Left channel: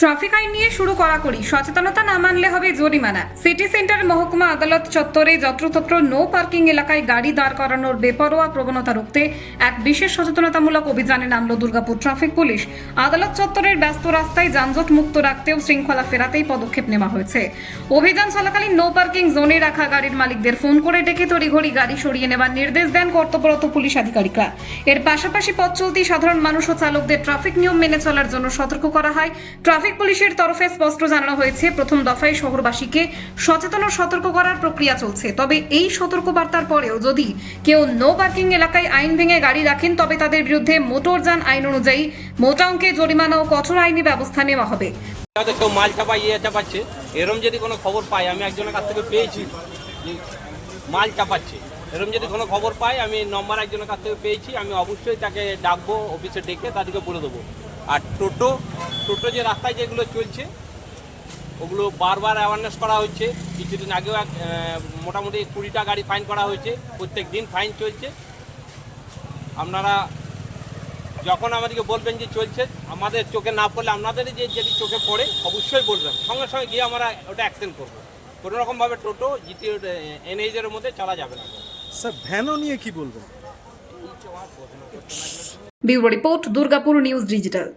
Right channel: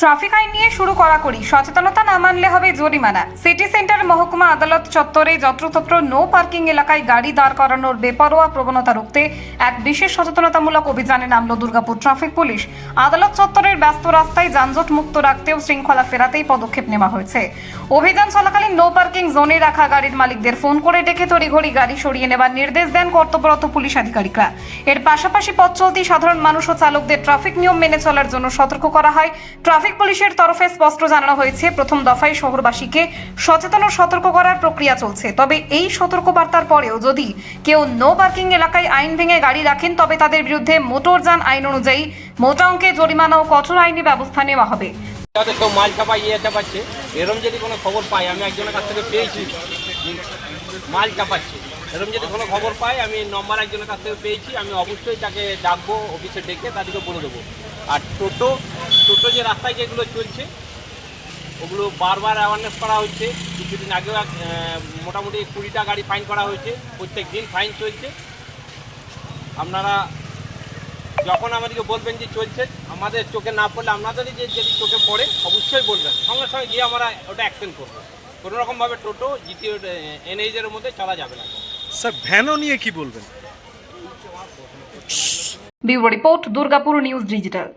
Traffic আইন নিয়ে শুরু কড়াকড়ি, সচেতনতা না মানলে হবে জরিমানা। সিটি সেন্টার মহকুমা আদালত চত্বরে যত্রতত্র নো পার্কিং এলাকায় গাড়ি দাঁড় করানোর বেপরোয়া প্রবণতা রুখতে এক বিশেষ সচেতনতামূলক অভিযানে নামলো দুর্গাপুর ট্রাফিক পুলিশ। আদালত চত্বরের ব্যস্ত রাস্তায় যানজট মুক্ত রাখতেও শৃঙ্খলা ফেরাতেই পদক্ষেপ নেওয়া হয়েছে। অভিযান চলাকালীন নো পার্কিং জোনে রাখা গাড়ির মালিকদের ফোন করে ডেকে তড়িঘড়ি গাড়ি সরিয়ে নেবার নির্দেশ দেন কর্তব্যরত পুলিশ আধিকারিকরা। এর পাশাপাশি পথ চলতি সাধারণ মানুষ ও চালকদের ট্রাফিক নিয়ম মেনে চলার জন্য সতর্ক করা হয়। ট্রাফিক পুলিশের তরফে স্পষ্ট জানানো হয়েছে, প্রথম দফায় শহরবাসীকে সচেতন ও সতর্ক করার প্রক্রিয়া চলছে। তবে এই সতর্কবার্তার পরেও যদি কেউ নো পার্কিং এলাকায় আইন ভেঙে গাড়ি রাখেন, তবে তাদের বিরুদ্ধে মোটরযান আইন অনুযায়ী মোটা অঙ্কে জরিমানা ও কঠোর আইনি ব্যবস্থা নেওয়া হবে। মাল চাপা চাপাচ্ছে, এরকম যদি কোনো খবর পাই, আমি একজনের কাছ থেকে পেয়েছি মাল চাপাচ্ছে, এরকম যদি কোনো খবর পাই, আমি নম্বর একজনের কাছ থেকে পেয়েছি, আমি অবশ্যই তাকে ডাকবো, অফিসে ডেকে তাদেরকে বলে দেবো। আর টোটো যে রাস্তায় যেগুলো চলছে ওগুলো বারবার অ্যাওয়ারনেস করা হচ্ছে। কিছুদিন আগেও মোটামুটি 20টা গাড়ি ফাইন করা হয়েছে, প্রত্যেক দিন ফাইন চলছে। আপনারা যখন আমাদেরকে বলবেন যে চলছে, আমাদের চোখে না পড়লে আপনাদেরই যদি চোখে পড়ে অবশ্যই বলবেন, সঙ্গে সঙ্গে গিয়ে আমরা ওটা অ্যাকশন করবো। কোনো রকমভাবে টোটো জিটিও এনএইচের মধ্যে চলা যাবে না। স্যার ভ্যানও নিয়ে কি বলবেন? Bureau report, Durgapur news digital.